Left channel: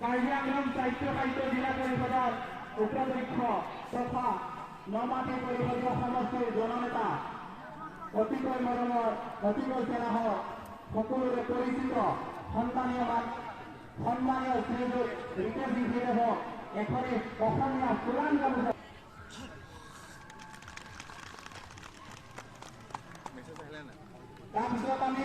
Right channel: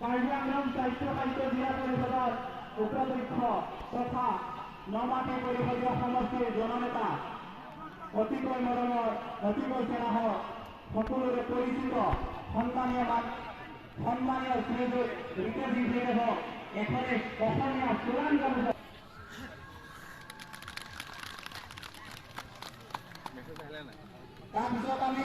কাৰ্যাংগম স্বাস্থ্য জিলা পৰিষদৰ উপাধ্যক্ষ তথা নমাটি পৰিষদীয় সমষ্টিৰ জননেতা অতিকৈ মৰমৰ অতিকৈ স্নেহৰ সকলোৰে পৰিচিত সন্মানীয় শ্ৰীযুত ৰিকেশ ইংৰাজীদেৱক এখনে অসমীয়া চোৰাং গামোচা তাৰপিছত আমি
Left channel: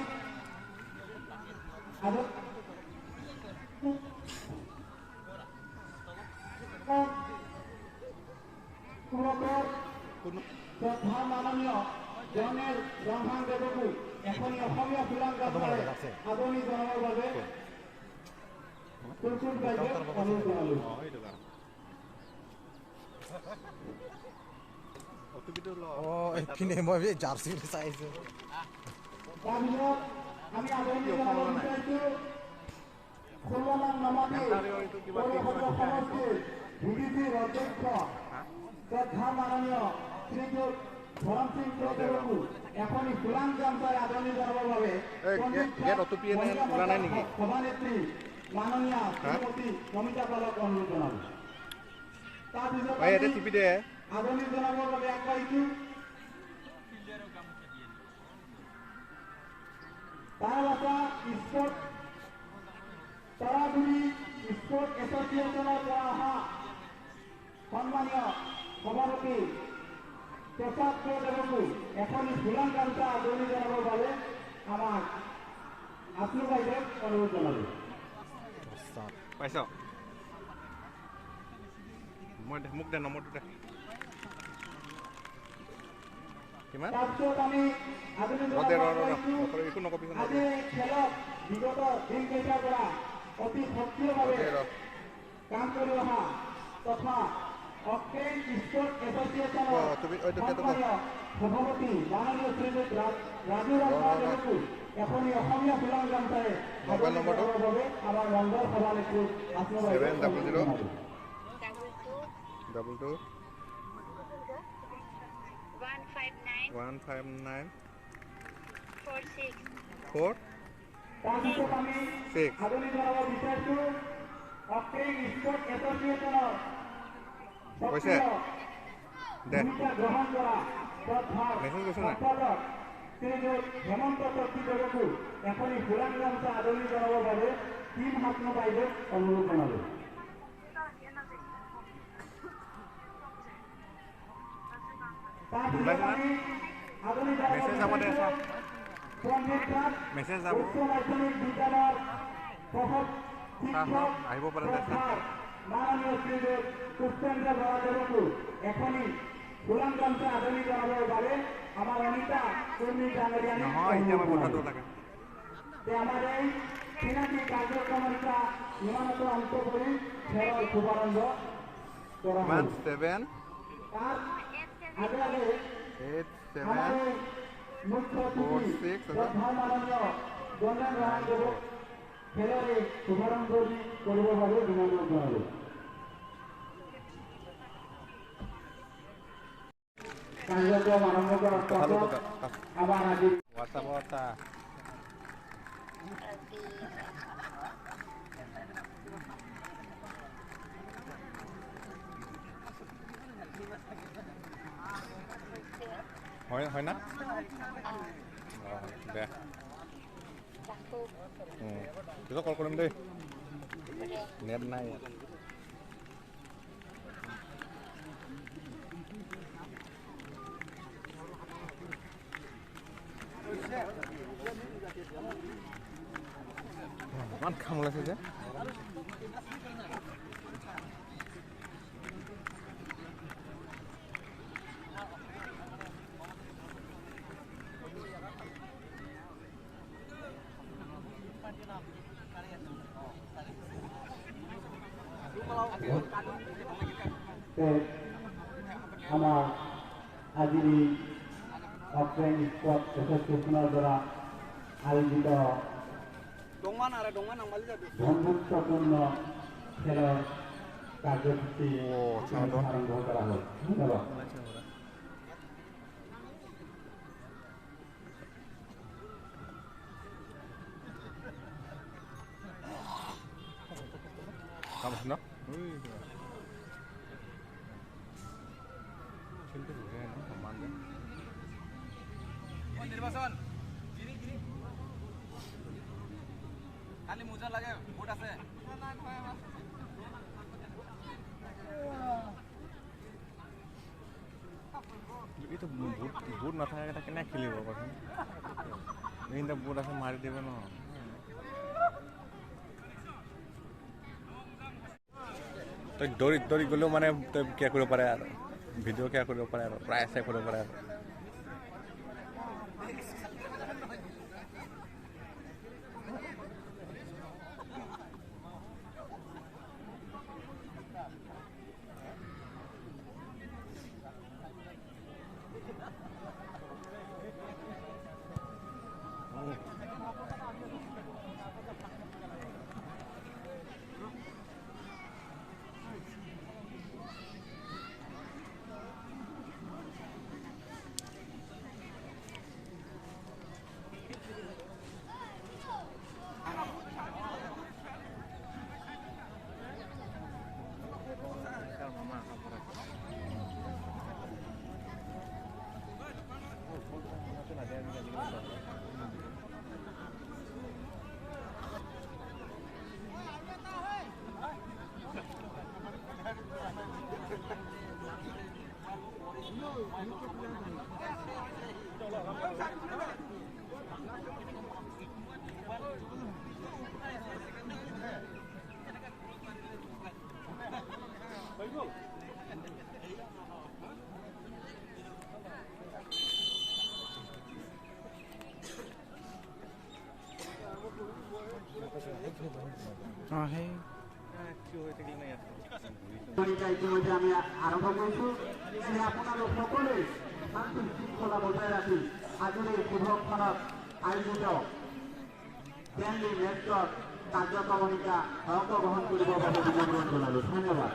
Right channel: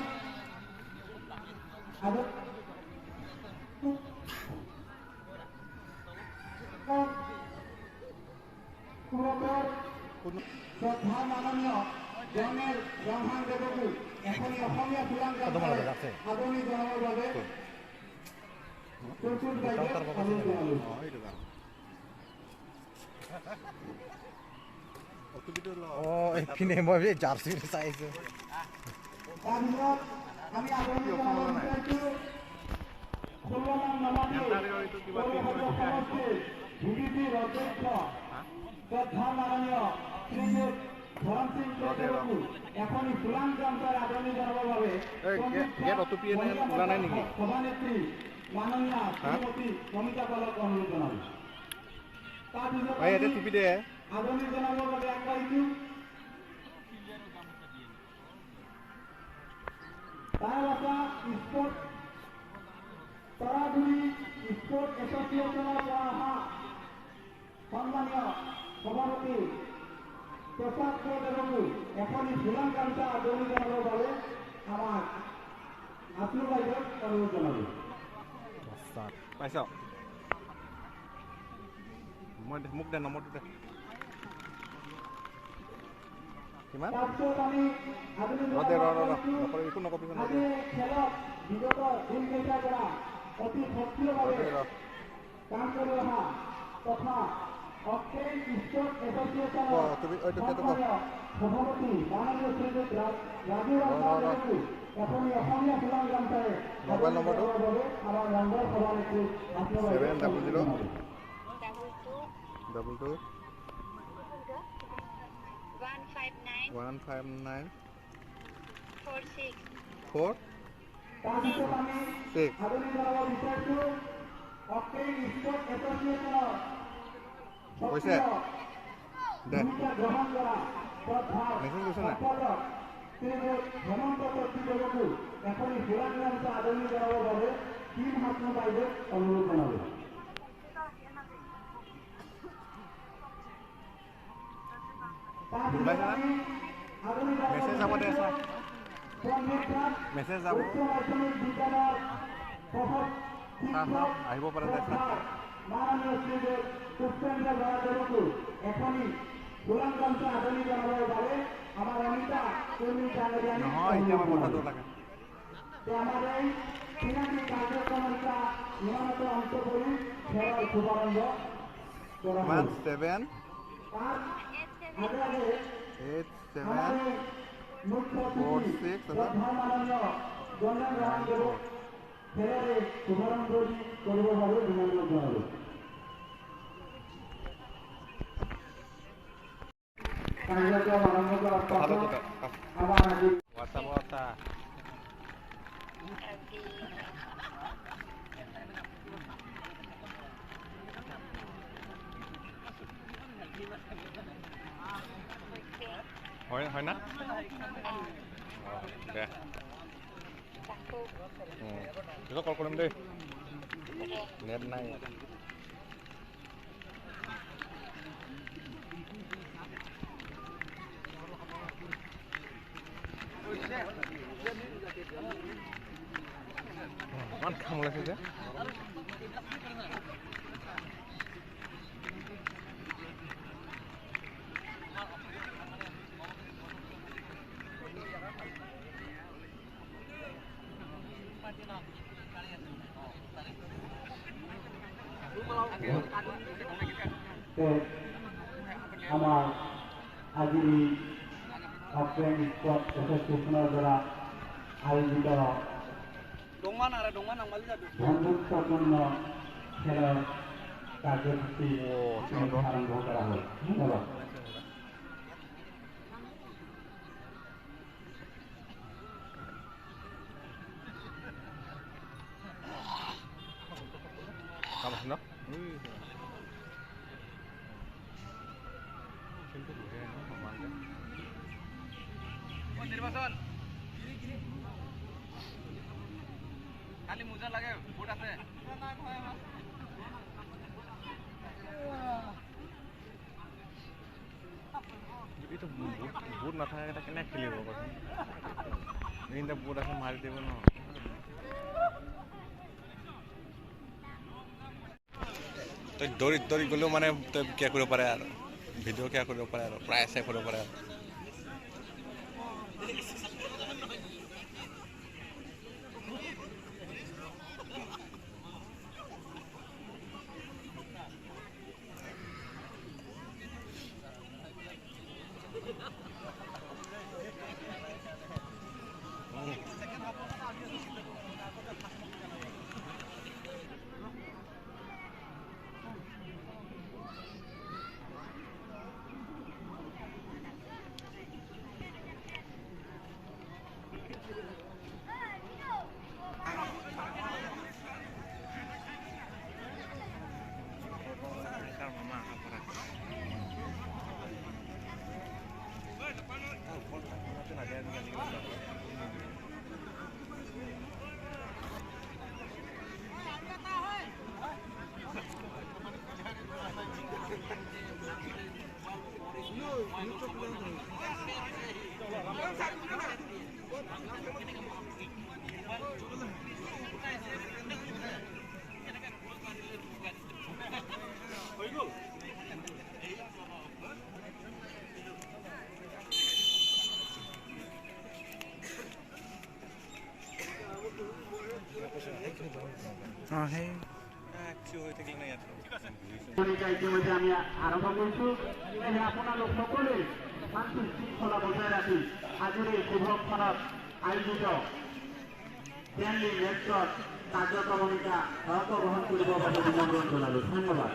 শ্ৰদ্ধা মাননীয় জেনেৰেল ব্ৰহ্মাণ দেৱকো এখনি অসমীয়া চোৰাং গামোচাৰে আদৰণি জনাবৰ বাবে এইপিনে মই জাৰ্চি চাইছো আমি আদৰণি জনাব বিচাৰিছো 16 নং নমাটি পৌৰসভা সমষ্টিৰ বিজেপিৰ অধ্যক্ষ শ্ৰদ্ধা মাননীয় শ্ৰীযুত ধৰম সিং দেৱকো এখনি চোৰাং গামোচাৰে আদৰণি জনাবৰ বাবে সভানেত্ৰী মাননীয় শ্ৰীমতী নমিতা পালক অনুৰোধ জনাইছো। তাৰপিছত আদৰণি জনাবৰ বাবে আগবাঢ়িছো তাৰাগুৰি স্পৰ্ট এছ'চিয়েশ্যনৰ পৰা অহা সন্মানীয় সভাপতি প্ৰসাদ দেৱকো এখনি চোৰাং গামোচা আদৰণি জনাবৰ বাবে আমাক আত্মীয় বাইদেউক অনুৰোধ জনালোঁ। পাইছ মই মোক দে নম্বৰটো দে কিমান তাৰপিছত আমি আদৰণি আজি খেলত বিগত দিনকেইটাৰ পৰা অতি সক্ৰিয়ভাৱে কাম কৰি অহা তথা অক্টেন স্পৰ্ট এছ'চিয়েশ্যনৰ সন্মানীয় সভাপতি মাননীয় শ্ৰীযুত ৰাজু দেৱকো এখনি অসমীয়া চোৰাং গামোচাৰে আদৰণি জনাবৰ বাবে আমাৰ মংগল সভানেত্ৰী তাৰপিছত আমি আদৰণি জনাব বিচাৰিছো অক্টেন স্পৰ্ট এছ'চিয়েশ্যনৰ ভূমিকা গ্ৰহণ কৰা সম্পাদক শ্ৰীযুত হেমন্ত দেৱকো এখনি চোৰাং গামোচা আদৰণি জনাবৰ বাবে টিম হাত্ম বাইদেউক অনুৰোধ জনালোঁ। তাৰপিছত আমি আদৰণি জনাব বিচাৰিছো উচ্চ মাধ্যমিক বিদ্যালয়ৰ মাননীয় শ্ৰীযুত পুষ্পেন্দ্ৰ বৰাদেৱকো এখনি চোৰাং গামোচা আদৰণি জনাবৰ বাবে আমাৰ অনিতা কৰ্মী ডাঙৰীয়ানী আমাৰ এই চিনাকি কাৰ্যক্ৰমৰ পৰা নিয়মিত অন্ত কৰি খেলৰ শুভাৰম্ভ কৰা হ'ল। তাৰ আগে আগে আমাৰ মুখ্য অতিথি শ্ৰদ্ধা মাননীয় গণেশ ৰহমান দেৱক খেলৰে শুভাৰম্ভ কৰিবৰ বাবে অনুৰোধ জনালোঁ। কাৰ্যক্ৰম আৰম্ভ কৰাৰ পাছত আমাৰ আজি হয় না দে কল কৰিম দেই নেট নাই ইমান খাম ওলাইছে যে আমাৰ আজি অক্টেন স্পৰ্ট এছ'চিয়েশ্যনৰ দ্বাৰা আয়োজিত বন্ধুত্বপূৰ্ণ খেলৰ কাৰ্যসূচী আৰম্ভ কৰা হয়। ধন্যবাদ। No? কিন্তু বুঝাই না নির্বাচন খালি মোজা লাগে ভোট আছে এইটো ভোট নাথাকে এটা কেনে খেলিব দেখোন এইটা ভোট এখন মাৰি দিব নহয় তই দৌৰি দৌৰি গ'লেও মানে তই কিয় কৰিব পাৰে আৰু ভিডিঅ' কিয় কৰিব পাৰে আৰু প্ৰায় চাই কৰিব পাৰে আৰু আমি আৰম্ভ কৰিছোঁ যে আপোনালোক সকলোৱে শান্তি শৃংখলা বজাই ৰাখি আজিৰ এই শুভক্ষণত আয়োজিত কেন্দ্ৰীয় নেতৃত্বত কাৰ্যক্ৰমণিকা অংশগ্ৰহণ কৰিব বাবে নিমন্ত্ৰণ জনালোঁ ধন্যবাদ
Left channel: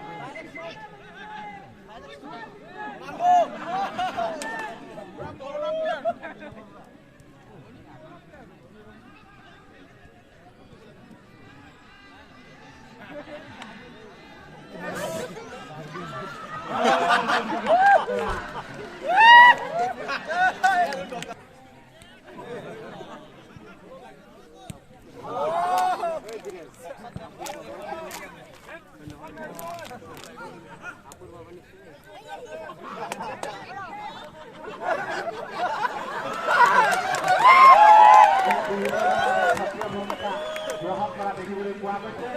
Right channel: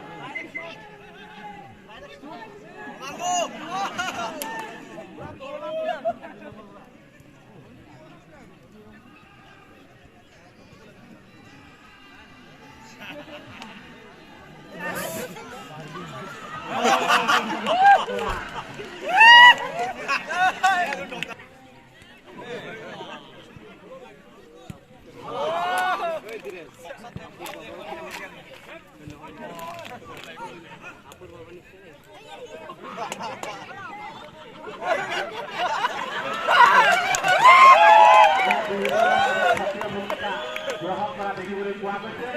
গ্ৰহণ কৰা দেখিবলৈ পোৱা গৈছে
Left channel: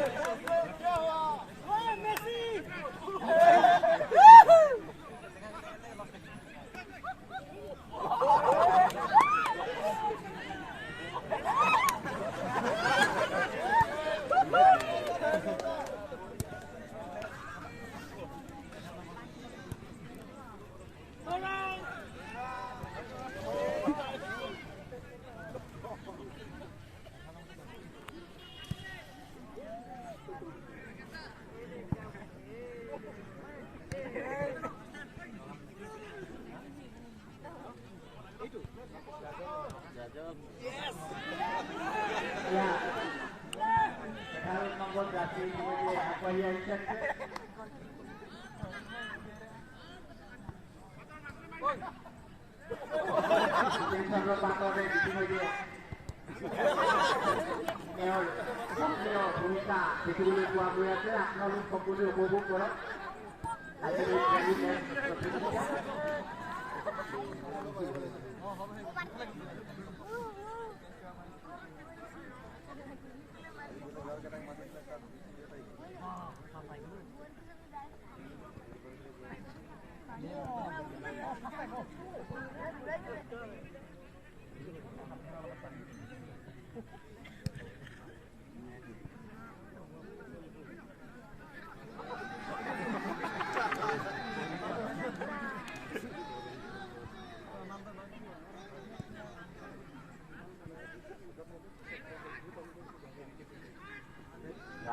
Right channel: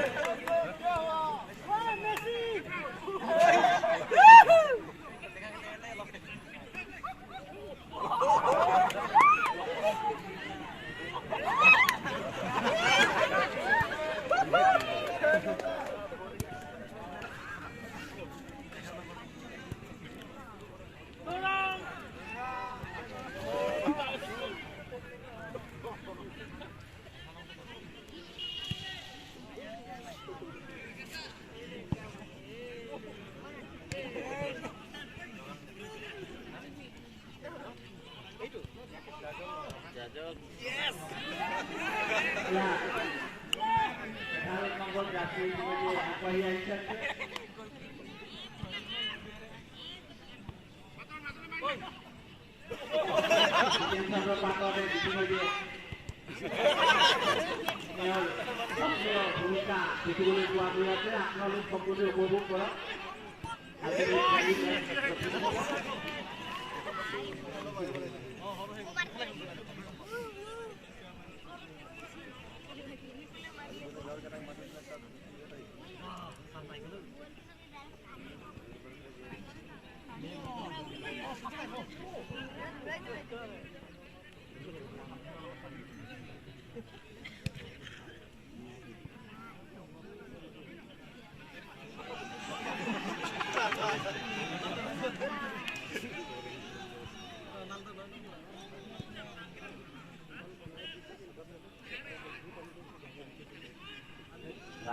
ভূমিকা দেখিবলৈ পোৱা গৈ আছে আপোনালোক সকলোৱে উপভোগ কৰক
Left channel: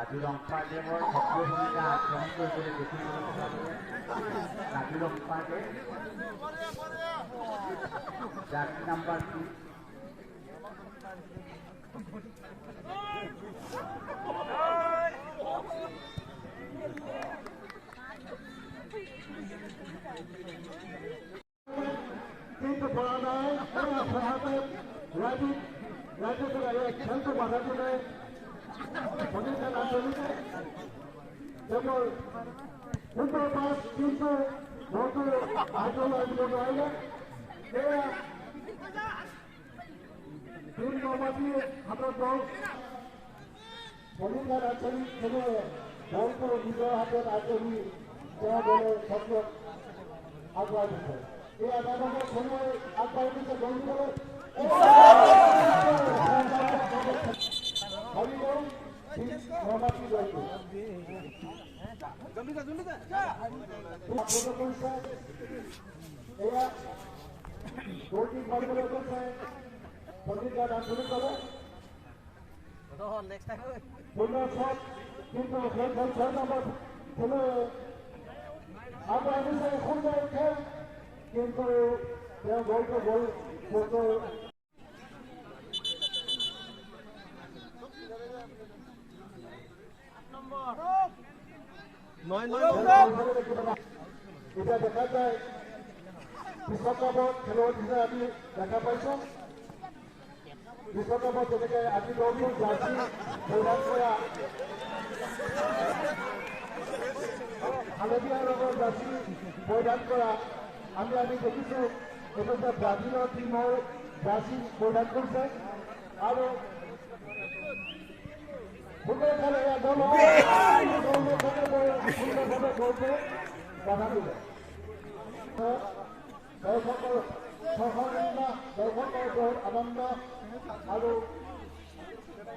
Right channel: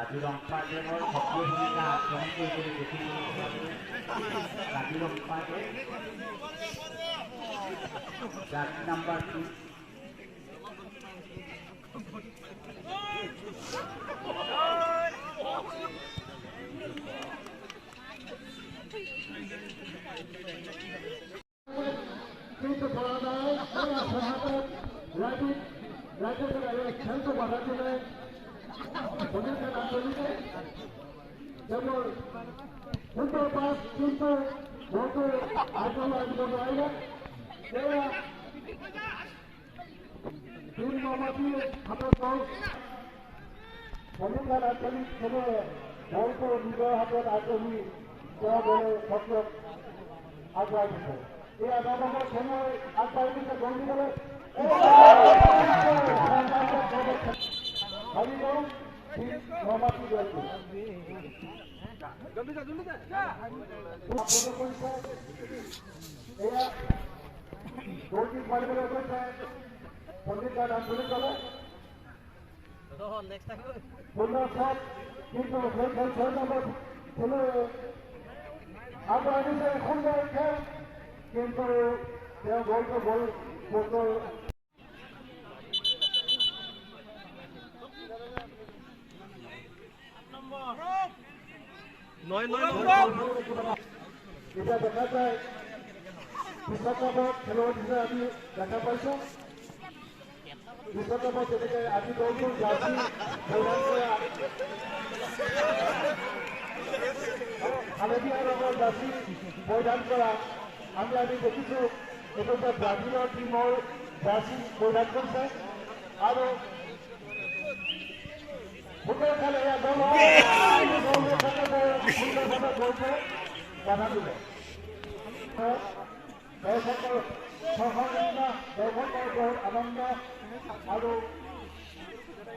Lagi lompat dia boy, satu hingga contoh boleh dikira. Lagi lompat dia. Dan number 2. রাজ্যের খেলতে বাধা দিলে পণ্ডিতের আন্দোলনে যেমন কিন্তু বহু আন্দোলন আইল এরা তিন মামাটি হাতের দল পণ্ডিতের আঞ্চলিক ছেলে বহু নিজের হাতের আগ্রহী দেওয়া বলে সত্য আগুয়া দিচ্ছে এই আগামী সময় আগুয়া দিচ্ছে বন্ধু বলে কিন্তু কিন্তু গল্প বই এটা দেখা যায় বিশ্বকাপত খেলুৱৈ হিচাপে আমি দেখা পাইছোঁ বিশ্বকাপত যেনেকৈ আজি দলটো জাৰ্চি প্ৰদান কৰা হালধীয়া ৰঙৰ জাৰ্চি প্ৰদান কৰা আমি দেখিছোঁ এইটো যে ব্ৰাজিলৰ টীমৰ জাৰ্চি প্ৰদান কৰিছে আৰু ফুটবল খেলে বাধা দিলে দৰ্শকৰ দৰ্শকৰ আনন্দ আৰু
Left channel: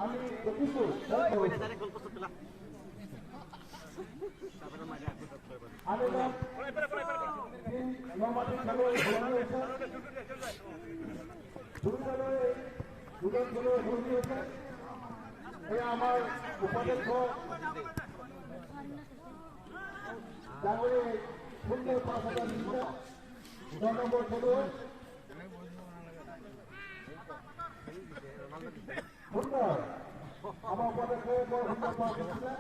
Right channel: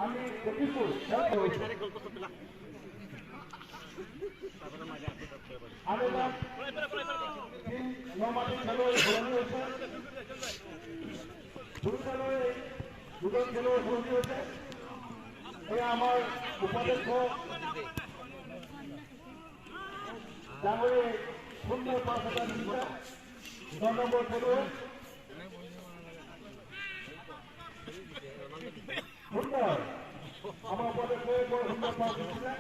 আমি দেখিছোঁ আৰু নমাটি খেলুৱৈ সলনি হৈছে দুজন খেলুৱৈ সলনি হৈছে এয়া আমাৰ উপাধ্যক্ষ ডাঙৰে সুন্দৰ পাঁচ হাজাৰ নিশ্চয় 9 নম্বৰ খেলুৱৈ সুন্দৰ আমাৰ উপাধ্যক্ষই বৰ সুন্দৰ পাঁচ দিছিলে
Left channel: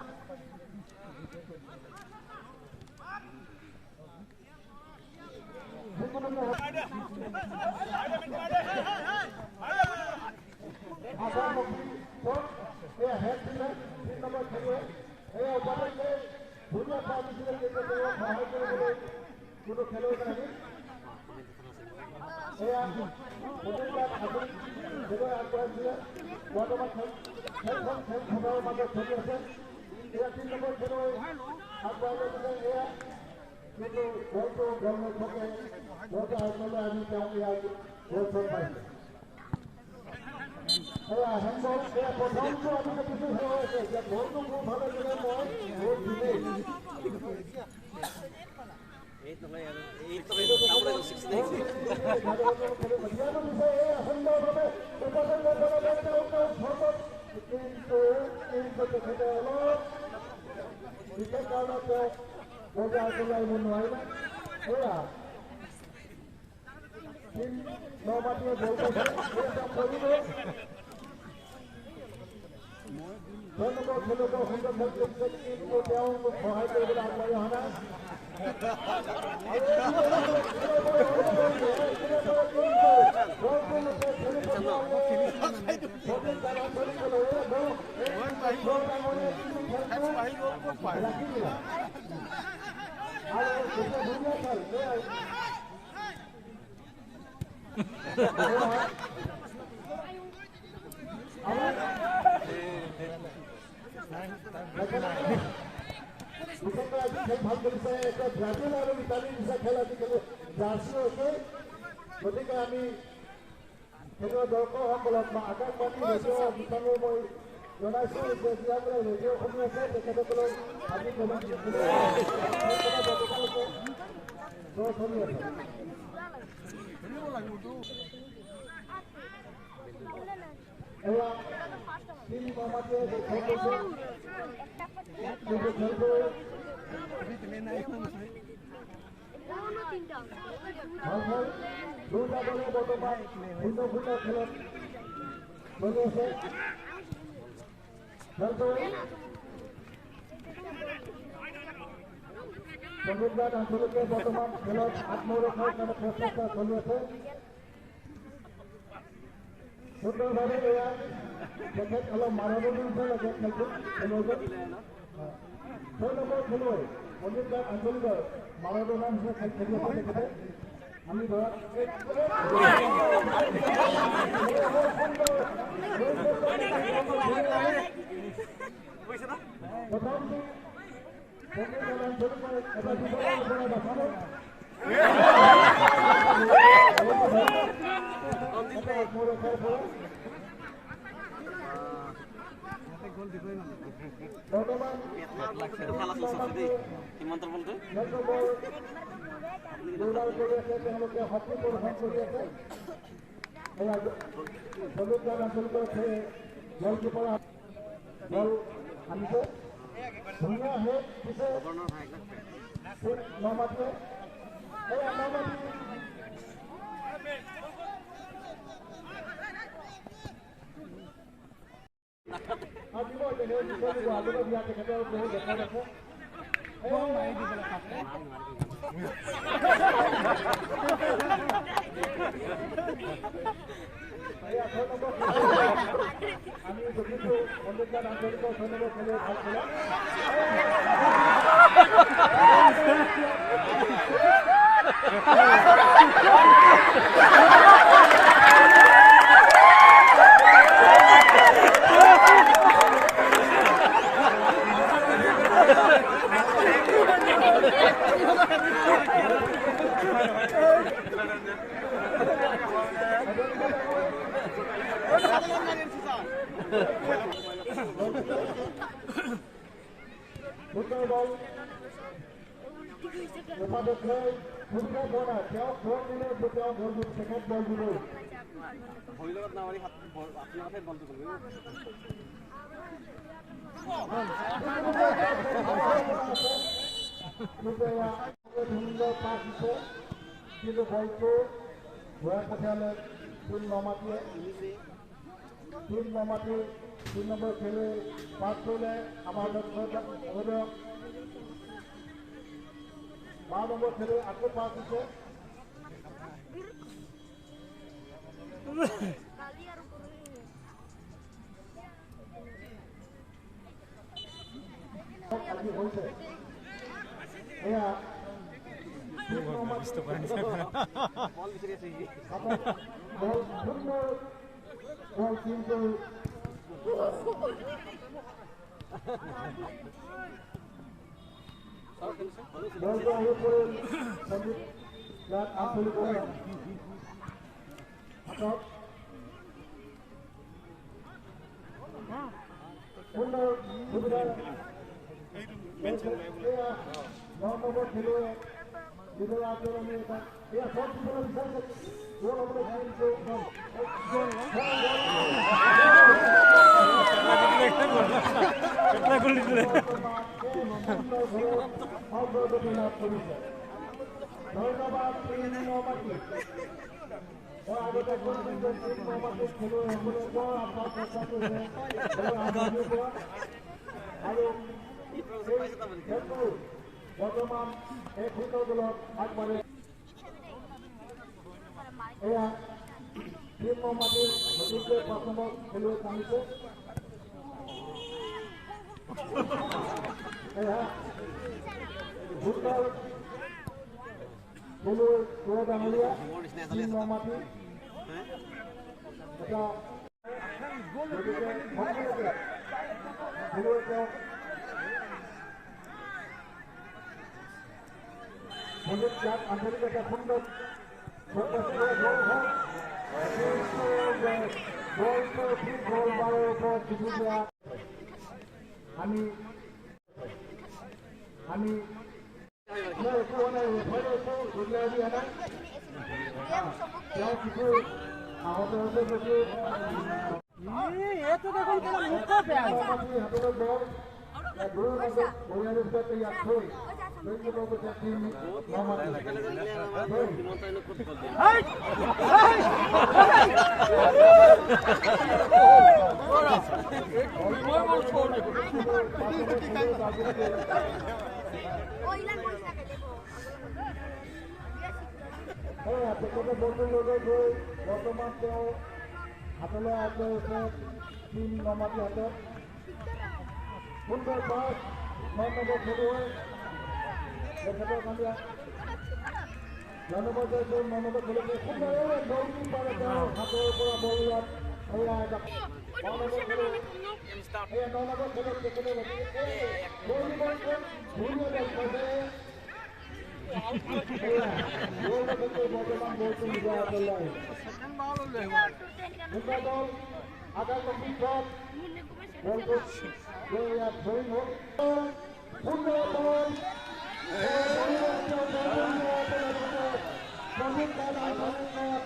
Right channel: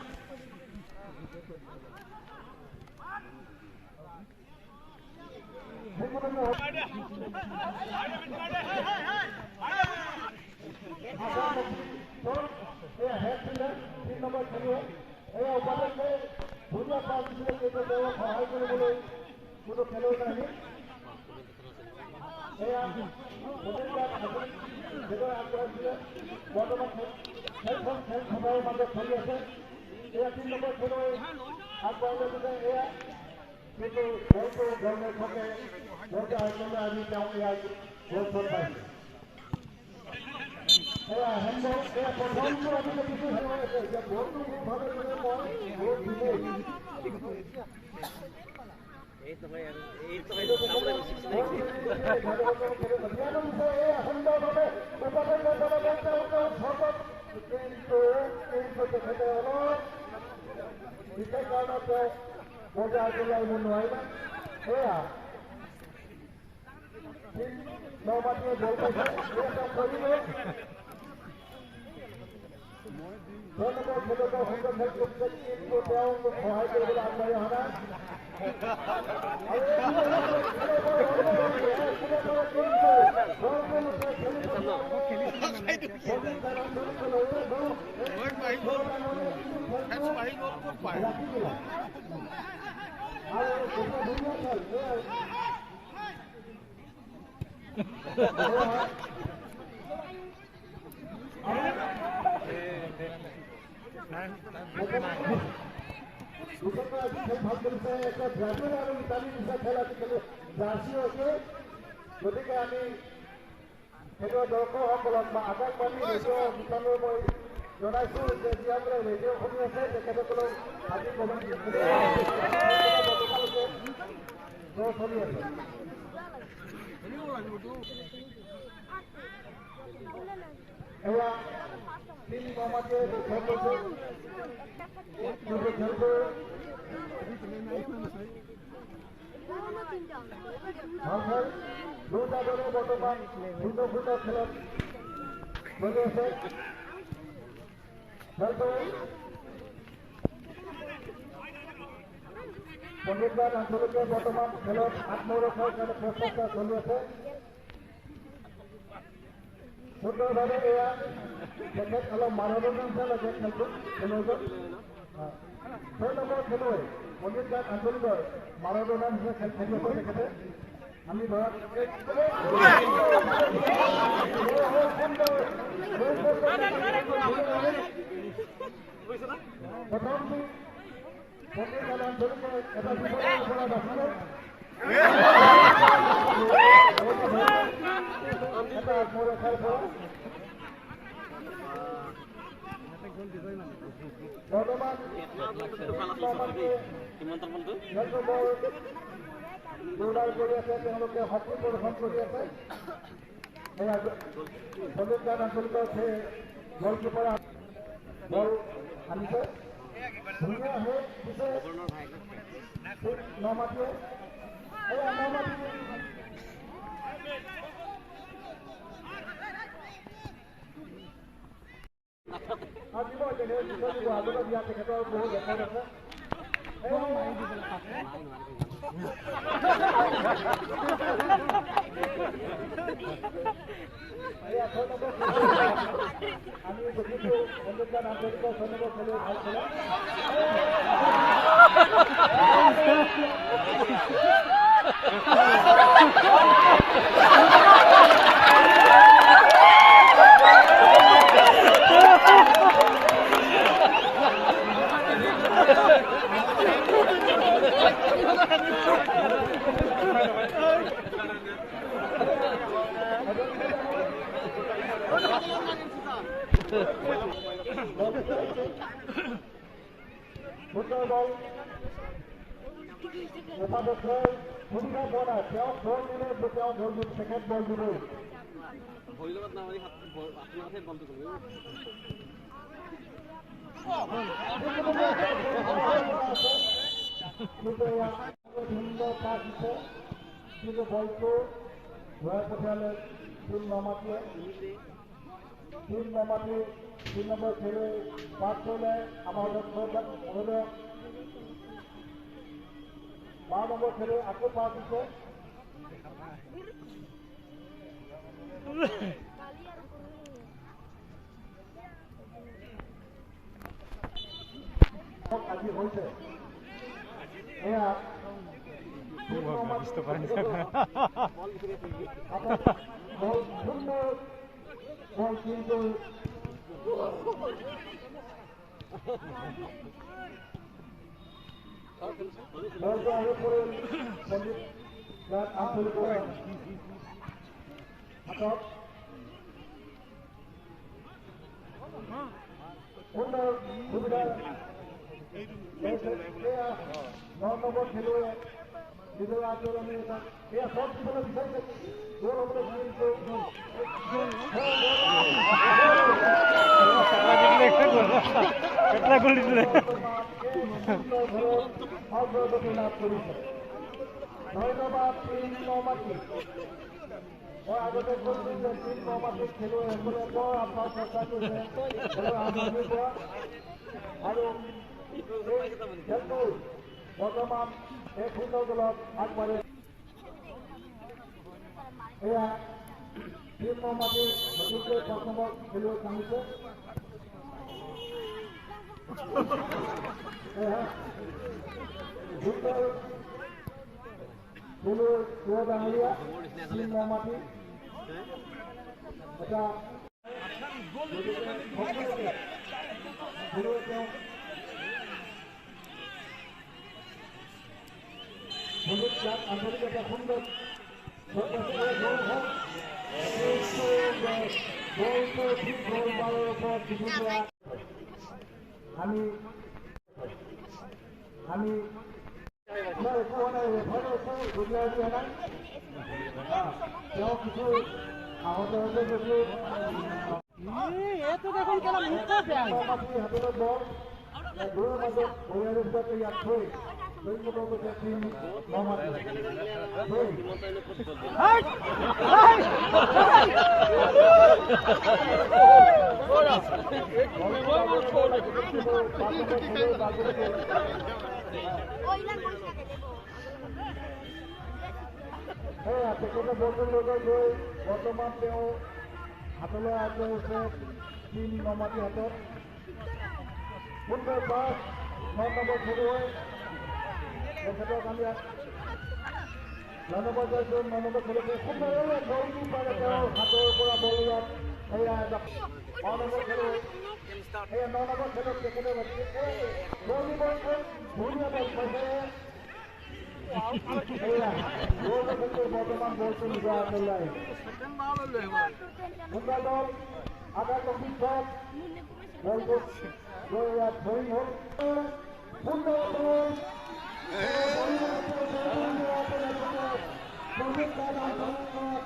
কোনো খেলুৱৈ নাই বৰ্তমান খেলখন খেলখনৰ মাজত চলি আছে এয়া 3 নম্বৰ খেলুৱৈ আগবঢ়াই লৈ এয়া কিন্তু বলটো গৰমত থাকে বলটো আগলৈ আমি তেওঁ ইয়াৰ বল পাইছোঁ এয়া হেণ্ডবল এয়া প্ৰথমটো আমি দেখিছোঁ হৈ আছে যে বলটো খুব ভাৱে গ'লে মই বহুত দিলেই সহায় কৰিবলৈ আগবাঢ়ি অহা নাই ভাল কৰিছে এতিয়া ব্ৰাজিল আৰু ইটালীৰ নিচিনা খেল আজিকালি জাৰ্চি হৈছে গতিকে আমি সেইটো দৰ্শকসকলক বা আকাশবাণী ৰেডিঅ' বিষয়ে মই জনাইছোঁ যে যিসকলে ৰেডিঅ' শুনি আছে তেখেতসকলক আজি চলি আছে এয়া তিনি মামাটিয়ে খেল কৰিছে দুটা দলে বৰ্তমান ভিন্ন ভিন্ন খেলত চলি আছে পণ্ডিতগড় আঞ্চলিকে বৰ্তমান খেলত আত্মৰক্ষাৰ কাৰণে প্ৰচেষ্টা চলি আছে সুন্দৰভাৱে এয়া তেখেত অলপ মানৱীয় লগত নতুন খেলুৱৈ 6 নম্বৰ খেলুৱৈ পণ্ডিতদাস আঞ্চলিকৰ মানৱীয় নাম হিচাপে খেলি আছে তেখেতে আমি ধৰক প্ৰথমটো পণ্ডিতদাস আঞ্চলিকৰ এটা বিপদৰ পৰা দেখালে হকী প্ৰদৰ্শন কৰি আছে পণ্ডিতদাস আঞ্চলিকৰ গলকিপাৰ বল আনিছে ধুনীয়া হে পিছে নমাতিয়ে তেখেতৰ বহুত ৰেকৰ্ড আছে আমি দেখিছো পণ্ডিতদাস আঞ্চলিকৰ 6 নম্বৰ খেলুৱৈ ভাল খেলা Football ball. Muhammad Khair, football ball. Kya ball dile, kya ball dile, second ball dile. Ball legat na wali hat, apni hath ball dile. Football, dhunda pass se, kilo ball ko, wah pathale, full namatiye. 3 নম্বর খেলে pass করলে আমার 12 নম্বর খেলে আকৌ pass দিছে আজি হৈছে এয়া বল সুন্দর বল কিন্তু বলটা আগে পড়ে সঞ্জিত লাট আঞ্চল করে হাতত সুন্দর সুবিধা 9 নম্বর খেলুৱৈ বিজয় আচৰণে এয়া সব দিবলৈ বিচাৰিছে গোল হ'বলৈ কিন্তু ধন্যবাদ 3 নম্বৰ আগতে খেলুৱৈসকলে বৰ আপোনাৰ চেষ্টা কৰিছে আৰু বৰ্তমান এই ফুটবল দলত আগবাঢ়ে এয়া 3 নম্বৰৰ নতুনকৈ 5 নম্বৰ খেলুৱৈ নামিছে এয়া ফুটবল খেলুৱৈ সুৰজ ডাঙৰীয়া 3 নম্বৰ এটা খেলুৱৈ আন্তৰিক একটা সুন্দৰ আমি কিছু আহত হতে কিছু বৰ্তমান তেওঁ হাতলৈ আগবাঢ়িছে টিম নমাটি হাতত সুন্দৰ পাছ 9 নম্বৰ খেলুৱৈ তেখেতক আমি ধন্যবাদ জনাইছোঁ 9 নম্বৰ খেলুৱৈ সুন্দৰ বল কিপাৰ তেওঁ হাতৰ পৰা বল ইয়াত এয়া 9 নম্বৰ খেলুৱৈ এয়া 9 নম্বৰ খেলুৱৈ তেখেতে বল কিপাৰ ধুনীয়া বল পাইছে বৰ্তমান বলটো নিজৰ হাতলৈ সুন্দৰ বল আগাৰ কম্পিউটাৰ বলটো ইয়াত ধৰি হ'ল সুন্দৰ বল আৰু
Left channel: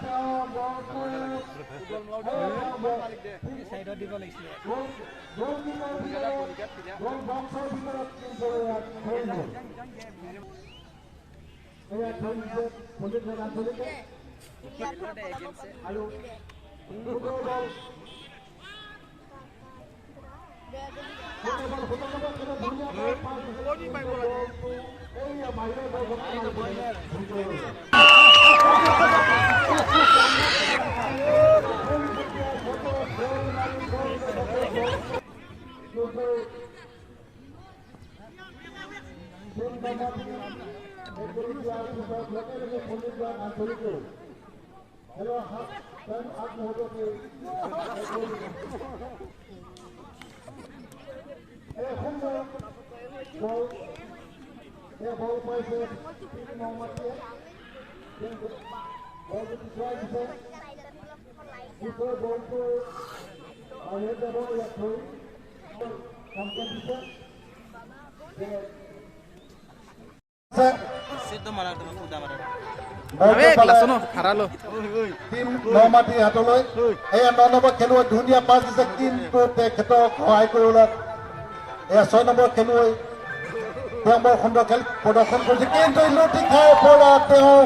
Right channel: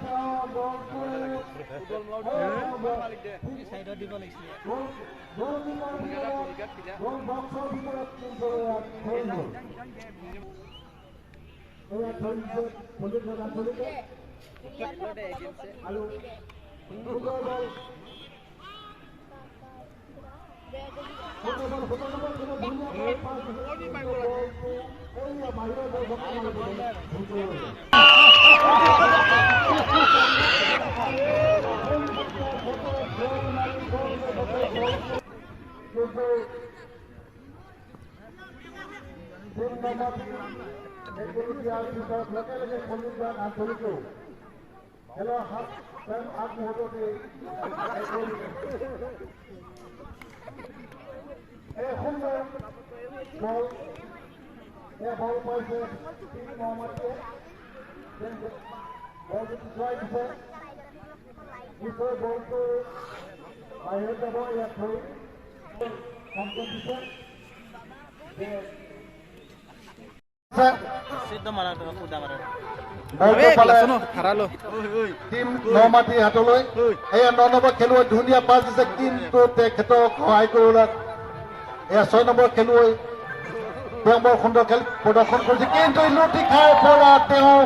সুন্দৰ বল টিম নমাটি হাতলৈ এয়া 9 নম্বৰ খেলুৱৈ ধুনীয়া পাছ দিছে কিন্তু তেখেতক সহায় কৰিবলৈ এয়া 6 নম্বৰ খেলুৱৈ তেওঁ বৰ সুন্দৰ খেল প্ৰদৰ্শন কৰিছে কিন্তু লুটি খাই পৰা তেওঁ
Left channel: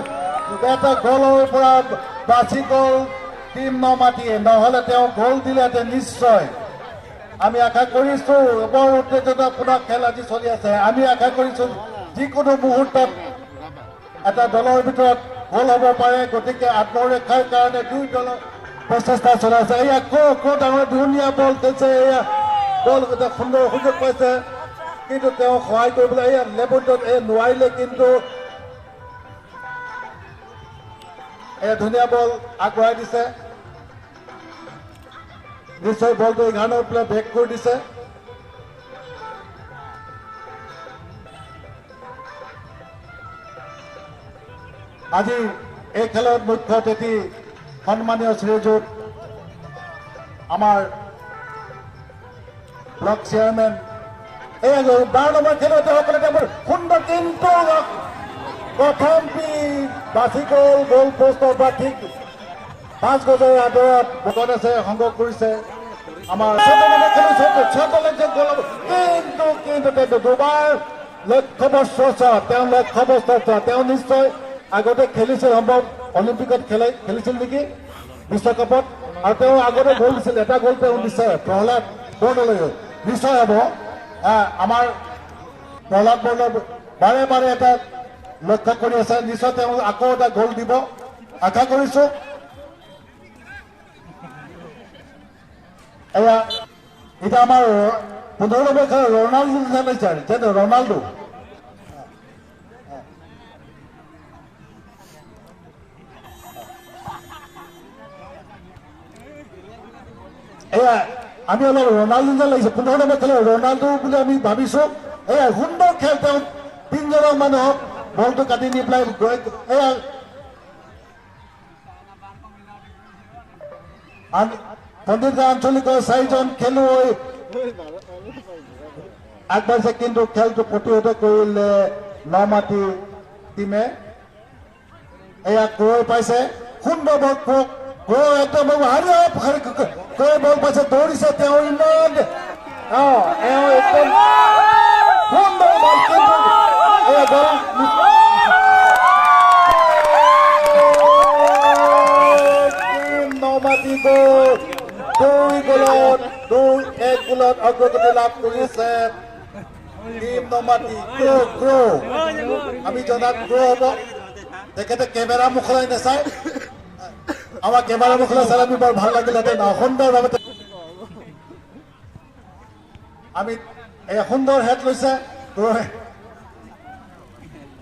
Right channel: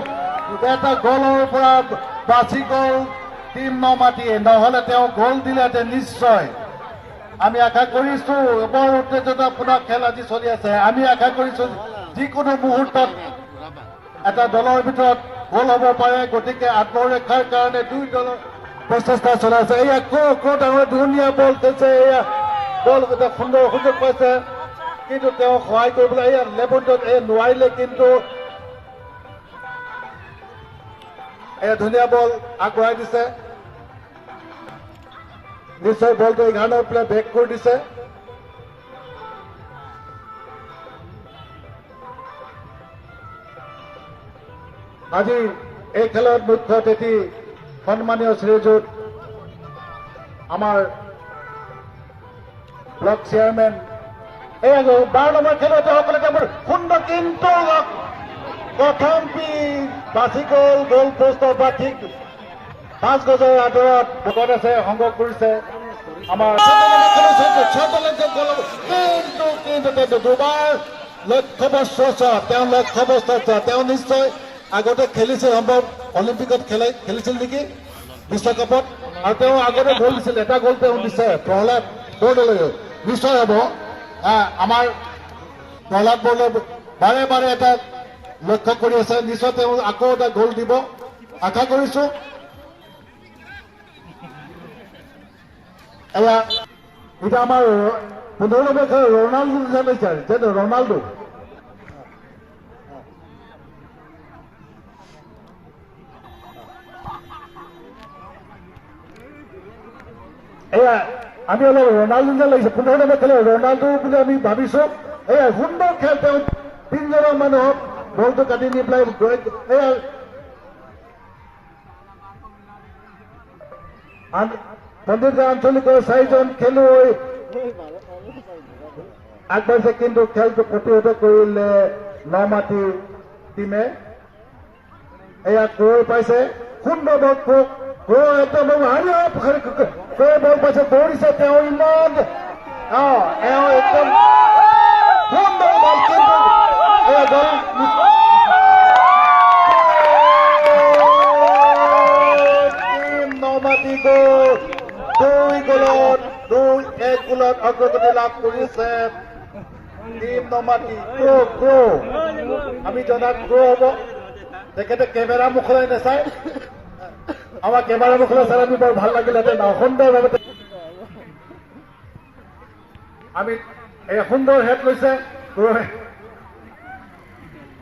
এটা গলৰ পৰা বাচি গ'ল টিম নমাটিয়ে নহ'লে তেওঁ গ'ল দিলেহেঁতেন নিশ্চয় আমি আশা কৰিছোঁ বৰ উত্তেজনাপূৰ্ণ খেল আজি চলি আছে আমি আশা কৰিছোঁ যিকোনো মুহূৰ্তত এটা দলৰ ভিতৰত গ'ল হ'ব পাৰে গতিকে আত্মৰক্ষাৰ কাৰণে দুই দলৰ প্ৰচেষ্টা চলাইছে এয়া ডাঙৰ ধুনীয়া বল দিছে এয়া বল সুন্দৰ সুযোগ পাইছে কিন্তু তেওঁ সহায় কৰিবলৈ এয়া লেবুটত নোৱাৰিলে কিন্তু এয়া ধুনীয়া বল আগবঢ়াই দিছে নিশ্চয় বলটো 11 প্লে বেক কৰি দিছে আজি এই খেলৰ মুখ্য অতিথি সন্মানীয় শ্ৰীযুত আমাৰ ব্লক চেয়াৰমেন এই 12 নম্বৰ খেলুৱৈসকলে তেওঁৰ সুন্দৰ কিন্তু প্ৰথম বাচি গ'ল গ'ল পোষ্টৰ পৰা ঠিক 5 গজৰ আঁতৰত বগত আছে সংগ্ৰহ কৰিছে আমাৰ কিন্তু দুবাৰ লক্ষ্যবস্ত্ৰ তেওঁ নিশ্চয় আগতে খেলিছিল সম্ভৱ অলিম্পিকত খেলিছিল নেকি বিশ্বকাপত আৰু তেওঁ আগতে গ'ল দিছিল এটা গ'ল তেওঁ দিছে প্ৰহ্লাদ বৰদলৈ নিশ্চয় হ'ব আমাৰ প্ৰহ্লাদ বৰদলৈ বাৰে বাৰে এটা লক্ষ্য কৰি আছে নিশ্চয় তেওঁ আকৌ এটা গ'ল দিব আশা কৰিছোঁ এতিয়া আমাৰ 15 নম্বৰ খেল ৰনাল্ডো খেলিছে যেন ৰনাল্ডো এয়া আমি অলপ ৰনাল্ডো যেন লাগিছে 15 নম্বৰ খেল ৰনাল্ডো বুলি আমি ভাবিছোঁ এয়া সুন্দৰ খেল তেওঁ 3জনৰ মানুহক বলটো কাটি নি পেলাই এয়া পণ্ডিত আঞ্চলিকৰ 4জন খেলুৱৈ আগবাঢ়িছে কিন্তু খেলটো প্ৰতিহত কৰিলে নমাটি টিমে এয়া গৈ পাইছে সুন্দৰ বল বল পাইছে দৌৰিছে তেওঁ ইমান একদম সুন্দৰ বল কিন্তু নমাটি গ'ল 2 গোলত অগ্ৰগতি লাভ কৰিছে টিম নমাটি আমি জনাত হ'ব তেখেতে কেমেৰা মুখলৈ নাচায় আমাৰ কেমেৰা মুখলৈ চাই আমি বৰ ভাল লাগিলেহেঁতেন সুন্দৰভাৱে আমি এই সুন্দৰ হেড লৈছে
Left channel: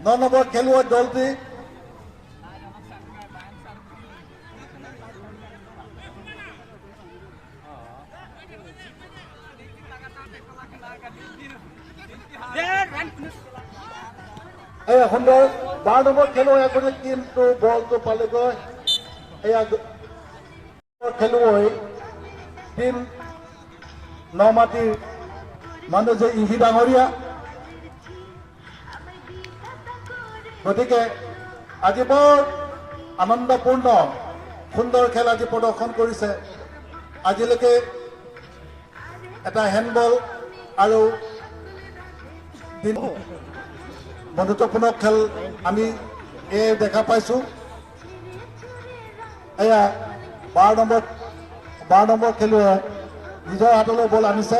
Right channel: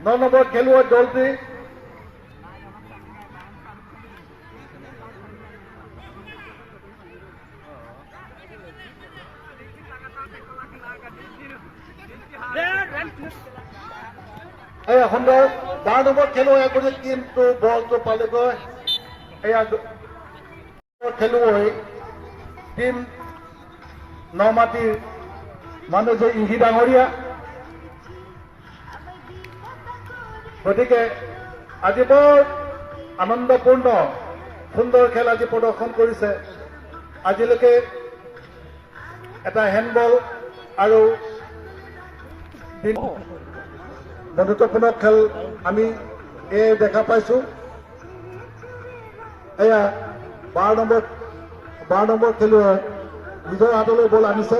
9 নম্বৰ খেলুৱৈ দলটি এই সুন্দৰ 12 নম্বৰ খেলুৱৈ এজনে কিন্তু বলটো পালেগৈ এয়া খেলুৱৈ টিম নমাটিৰ মানুহ যে ইহি ডাঙৰীয়া গতিকে আজি বৰ আনন্দপূৰ্ণ সুন্দৰ খেল আজি প্ৰদৰ্শন কৰিছে আজিলৈকে এটা হেণ্ডবল আৰু বন্ধুত্বপূৰ্ণ খেল আমি দেখা পাইছো এয়া 12 নম্বৰ খেলুৱৈ নিজৰ হাতলৈ বল আনিছে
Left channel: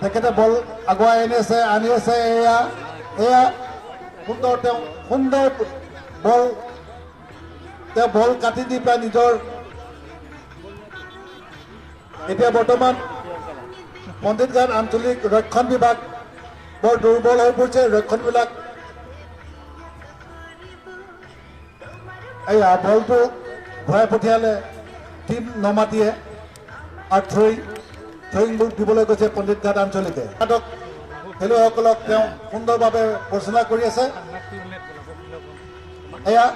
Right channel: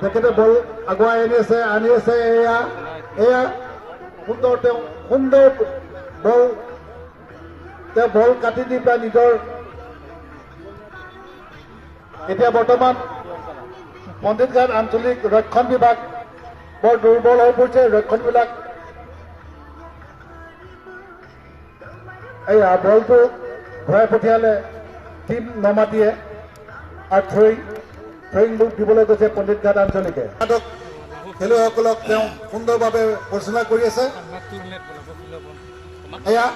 তেখেতে বল আগুৱাই আনি আছে এয়া সুন্দৰ বল বল কাটি দি পেলাই নিজৰ এতিয়া বৰ্তমান পণ্ডিতগাঁও আঞ্চলিক ৰক্ষণ বিভাগ বৰ দুৰ্বল হৈ পৰিছে ৰক্ষণবিলাক এয়া বলটো ঘূৰাই পঠিয়ালে টিম নমাটিয়ে আৰু থ্ৰয়িং বুক দিবলৈ গৈছে পণ্ডিতঘাট আঞ্চলিকে খেলুৱৈসকলক তেওঁ সুন্দৰভাৱে পৰিচালনা কৰি আছে এয়া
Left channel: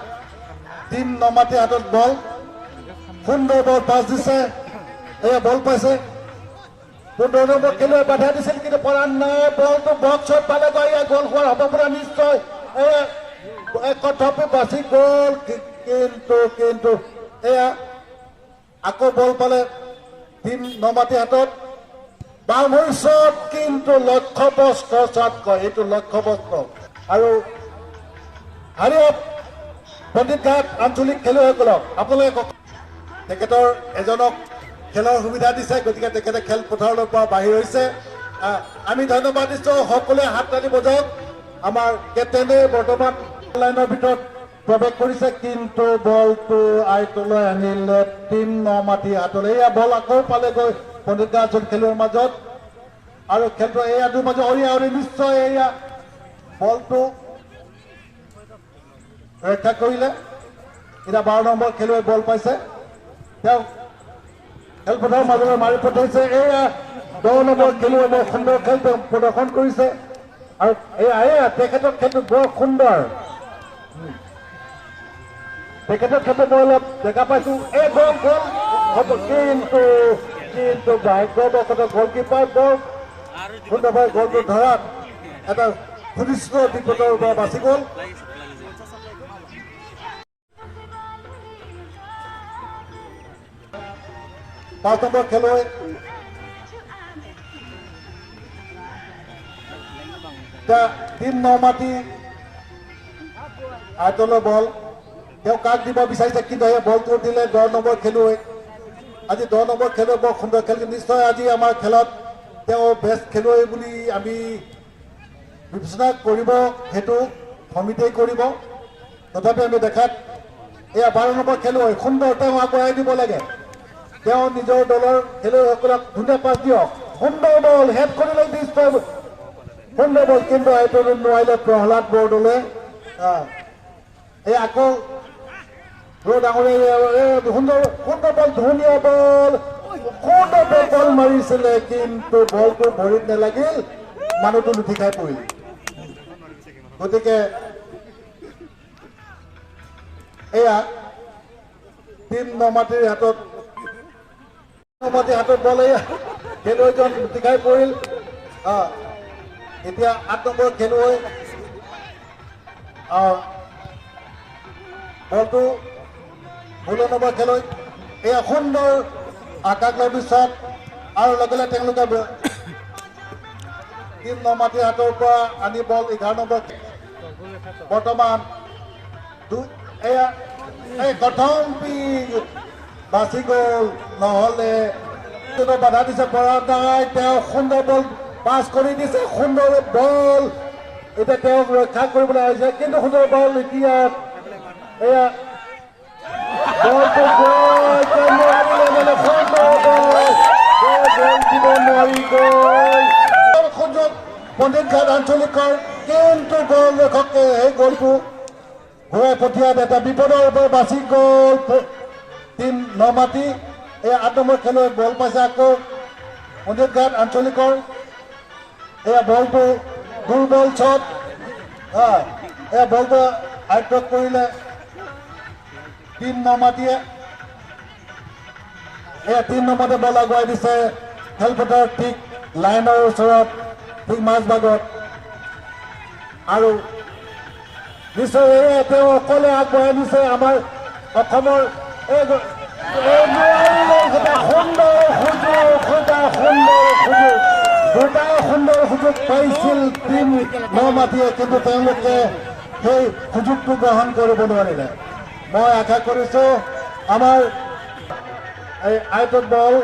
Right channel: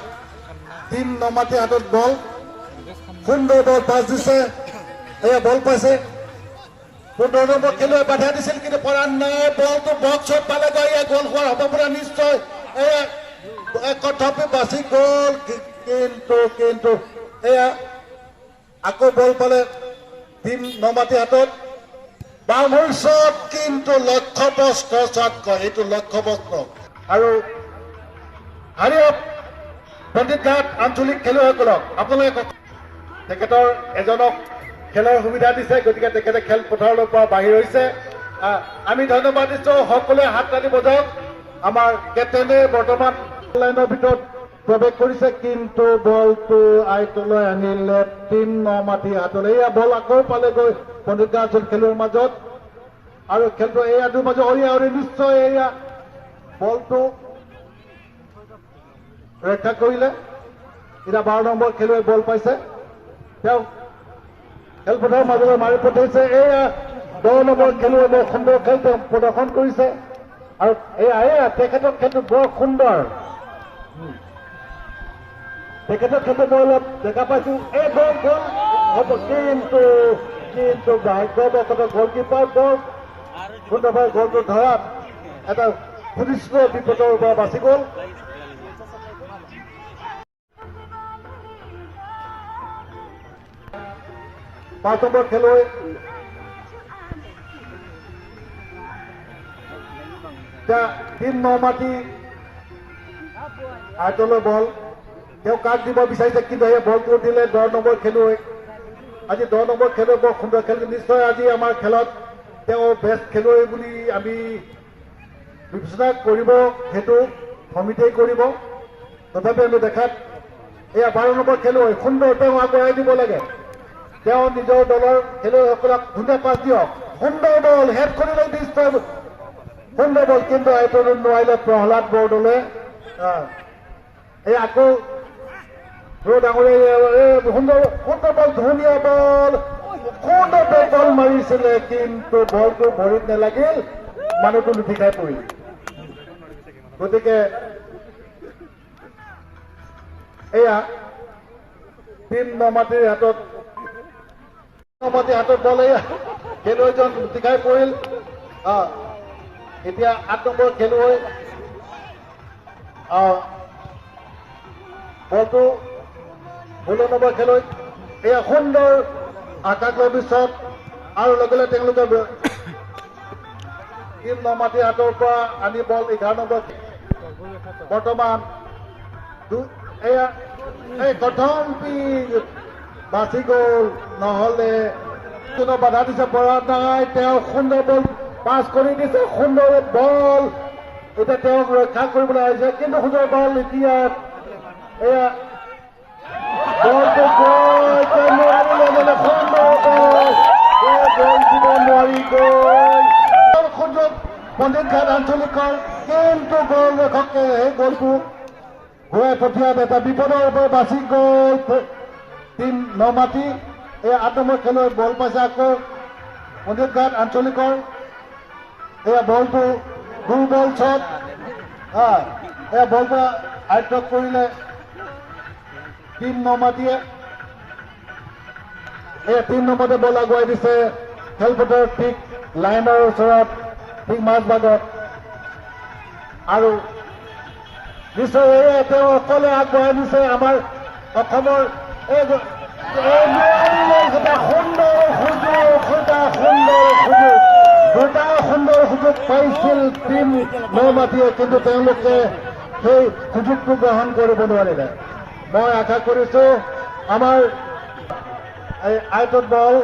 টিম নমাটিৰ হাতত বল সুন্দৰ বল পাছ দিছে এয়া বল পাইছে 15 নম্বৰ খেলুৱৈ বাধা দিছিল কিন্তু পৰা নাই বলটো বক্সত পালেগৈ এয়া গ'ল হোৱাৰ সম্ভাৱনা নিশ্চয় তথাপি বাচি গ'ল কিন্তু এয়া আকৌ বল পালে টিম নমাটিৰ হাতত বাউণ্ডাৰী শ্বট কিন্তু লক্ষ্যভ্ৰষ্ট শ্বট কয় এইটো লক্ষ্যভ্ৰষ্ট আৰু হাৰিয়ক পণ্ডিতঘাট আঞ্চলিক খেলুৱৈসকলক আপোনালোকে তেখেতৰ এজনক খেলৰ সুবিধা দিছে গতিকে তেখেতে খেলপথাৰলৈ পৰা বাহিৰ হৈছে আমি ধন্যবাদ দিছোঁ সকলোৱে হাত তালি বজাওক আমাৰ কেপ্টেইনে বৰ্তমান লাইনৰ ভিতৰত প্ৰৱেশ কৰিছে কিন্তু বলটো আইটলৈ আনিলে টিম নমাটি হাতলৈ এয়া বল আকৌ পালেগৈ পণ্ডিতগাঁও আঞ্চলিক খেলুৱৈৰ মাজত আৰু খেলটো এয়া দুৰ মাজত অৰি নিশ্চয় এয়া বলটো ৰক্ষা কৰিলে এতিয়া 12 নম্বৰ খেলুৱৈ বল পাইছে তেওঁ খেলপথাৰৰ মাজলৈ মাৰি পঠাইছে এয়া 10 নম্বৰ খেলুৱৈ বৰ সুন্দৰ খেল প্ৰদৰ্শন কৰিছে আৰু এয়া তেখেতৰ খেলটো বৰ সুন্দৰ তেখেতৰ খেলটো মই অলপ দেখা পাইছো এই বল কিন্তু গলকিপাৰ বৰ সুন্দৰভাৱে গলটো ধৰাত এটা সুনিশ্চিত বিপদৰ পৰা বাচি গ'ল পাঁচ নম্বৰ খেলুৱৈ টিম নমাটি আইটলৈ বল তেওঁ কাক দিব বিচাৰিছে কিন্তু সেই বলটো দিলে 10 নম্বৰ খেলুৱৈ আজি 10 নম্বৰ খেলুৱৈ বৰ সুন্দৰ খেলিছে নিশ্চয় আজি আমাৰ খেলত তেওঁ বেষ্ট খেলুৱৈ বুলি আমি বিবেচনা কৰিব সেইটো সমিতিয়ে কৰিব তথাপি আমি দেখাত এয়া 12 নম্বৰ খেলুৱৈ সুন্দৰ তেওঁ আগুৱাই দিব লাগে তেওঁ নিজৰ দলৰ খেলুৱৈসকলক ধুনীয়া পাছ দিয়ক সুন্দৰ বল হেড কৰিলে নিশ্চয় সুন্দৰ বল কিন্তু আইটলৈ নোৱাৰিলে প্ৰহ্লাদ বৰদলৈ এই আকৌ ডাঙৰীয়া সুন্দৰ বল ধুনীয়া বল মাৰিছিলে কিন্তু বলটো ভৰিত নেলাগিল মানুহটো লুটি খাই পৰিল গতিকে এয়া টিম নমাটিৰ হাতত বল এয়া খেলুৱৈজন লুটি খাই পৰিল এতিয়া 8 নম্বৰ খেলুৱৈ বলটো 16 নম্বৰ খেলুৱৈ এয়া সুন্দৰ আকাশলম্বী শ্বট আৰু লগে লগে তেওঁলোকে টিম নমাটিৰ হাতৰ পৰা আনি বল 11 নম্বৰ বৰ্তমান এয়া প্ৰথম বাচি গ'ল নহ'লে বাধা দিছে পৰা নাই তেওঁ সুন্দৰ বল পাছ কৰি দিছে সুন্দৰ বল এতিয়া তেওঁক ৰক্ষা কৰিবলৈ আহিছে কিন্তু সুন্দৰ বল এতিয়া এয়া বলটো গ'ল নোৱাৰিলে গ'ল দিব নোৱাৰি গ'ল সুযোগ পণ্ডিত ঘাট আঞ্চলিকৰ কিন্তু গ'ল ৰক্ষকে সেই গ'লটো ঘূৰাই পঠিয়াত এটা বিপদৰ পৰা বাচি গ'ল 3 নমাটি এই 8 নম্বৰ খেলুৱৈ বল পাইছে আকৌ পণ্ডিত ঘাট আঞ্চলিকৰ এয়া বলটো দুৰ্বল শ্বট এয়া বলটো আয়ত্ত কৰিলে 3 নমাটিয়ে এয়া 3 নম্বৰতে বল আগুৱাই দিছে খেলপথাৰ ঠিক লাইনৰ ওচৰত ঠিক মাজভাগত আৰু নিশ্চয় তেওঁ অকলে আগবঢ়াই দিছে আমাৰ অসমৰ সুন্দৰ সুযোগ পাইছিল টিম নমাটিয়ে কিন্তু তেওঁলোকে সেই সুযোগটো গ্ৰহণ কৰিব নোৱাৰিলে মই আশা কৰিছোঁ আমাৰ এই আইটত বল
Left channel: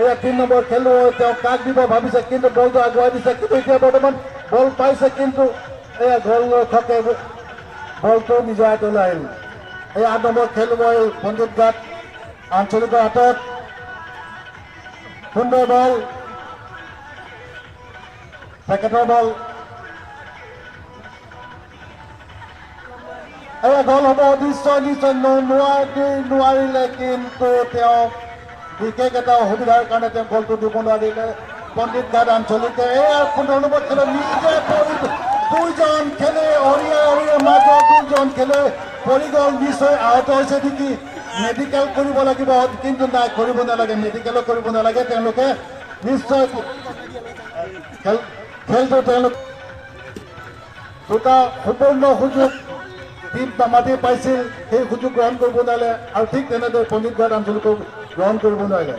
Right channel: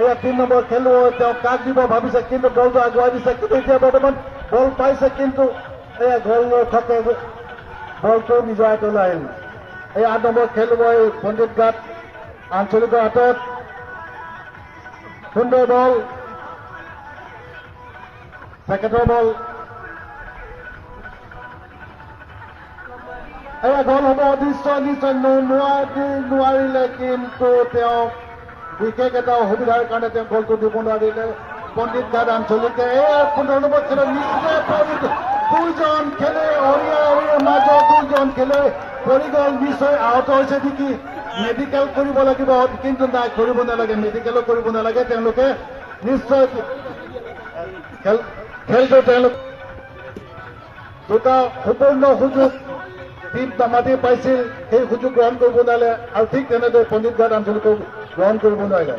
এয়া 3 নম্বৰ খেলুৱৈ তেওঁ কাক দিব ভাবিছে কিন্তু বলটো আগুৱাই দিছে কিন্তু এতিয়া বৰ্তমান বল পাইছে কিন্তু এয়া গ'ল থাকে বলটো নিজৰ হাতলৈ আহিল এই 8 নম্বৰ খেলুৱৈ পণ্ডিত ঘাট আঞ্চলিকৰ হাতত সুন্দৰ বল পেকেটৰ বল এয়া গ'ল হ'ব নিশ্চয় নোৱাৰিলে কিন্তু তেওঁ বিশেষ এটা অসুবিধাৰ কাৰণে তেওঁ গ'লটো দিব নোৱাৰিলে পণ্ডিত ঘাট আঞ্চলিকে এয়া 15 নম্বৰ খেলুৱৈ নিজে দুজন খেলুৱৈ অৰিয়াৰ মাজত দুজন খেলুৱৈ পৰি গ'ল নিশ্চয় আহত হৈছে নেকি মেডিকেল কৰিব লাগিব কিন্তু নাই কৰিব নালাগে মেডিকেলো কৰিব নালাগে তেওঁলোকে নিশ্চয় খেলটো তেওঁলোক দুটা সুপূৰ্ণ সুযোগ টিম নমাটি পাইছিল সেই সুযোগ গ্ৰহণ কৰিব নোৱাৰিলে আৰু ঠিক তেনেদৰে পণ্ডিত ঘাট আঞ্চলিকক গ্ৰহণ কৰিব নোৱাৰিলে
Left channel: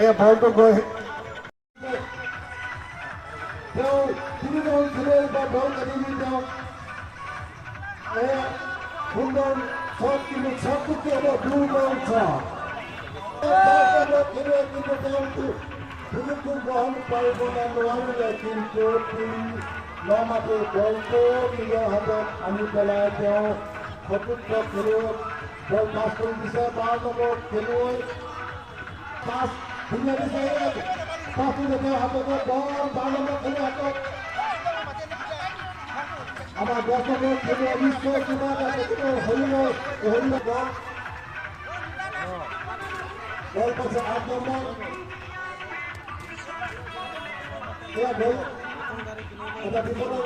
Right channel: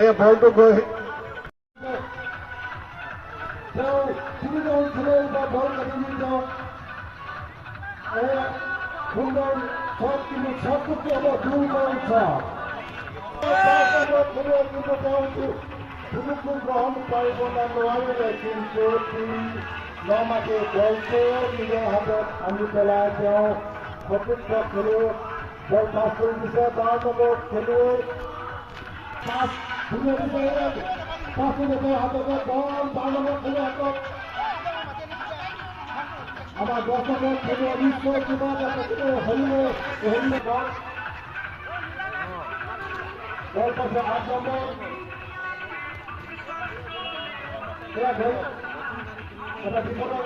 এয়া বলটো গৈ তেওঁ তিনিজন খেলুৱৈ বা বল কাটি নি তেওঁ সুন্দৰ শ্বট কিন্তু শ্বটটো কি হ'ব দুৰ্বল শ্বট খেলুৱৈ কিন্তু তেওঁ সুযোগটো গ্ৰহণ কৰিব নোৱাৰিলে কিন্তু নমাটি বলটো নিজৰ হাতত আনি পেলাই তেওঁ চতুৰ্থ খেলুৱৈ বল পাছ কৰি দিছে 12 নম্বৰ খেলুৱৈ পাছ ধুনীয়া দিছে পাছটো তেওঁ হাততে বল 12 নম্বৰ খেলুৱৈ হাতত আমাৰ 10 নম্বৰ খেলুৱৈ নিশ্চয় কিবা এটা হৰিণ বল পাইছে 8 নম্বৰ এয়া গ'ল এটা বিপদৰ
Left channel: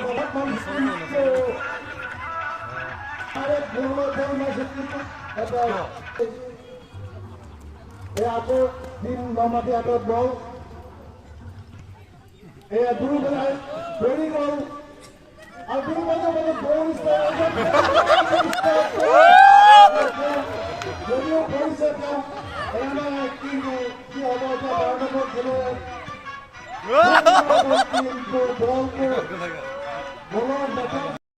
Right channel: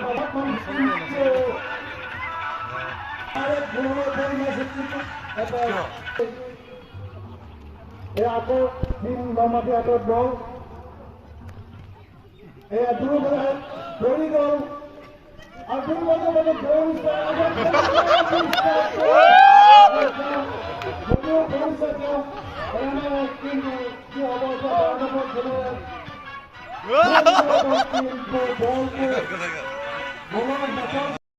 আকৌ 3 নমাটি হাতত বল এয়া দুৰ্বল পৰি গ'ল আৰু দুৰ্বল মানে দৌৰিছে যদিও পৰিছে তেওঁ কিন্তু কি হ'ব এতিয়া 12 নম্বৰ খেলুৱৈ বলটো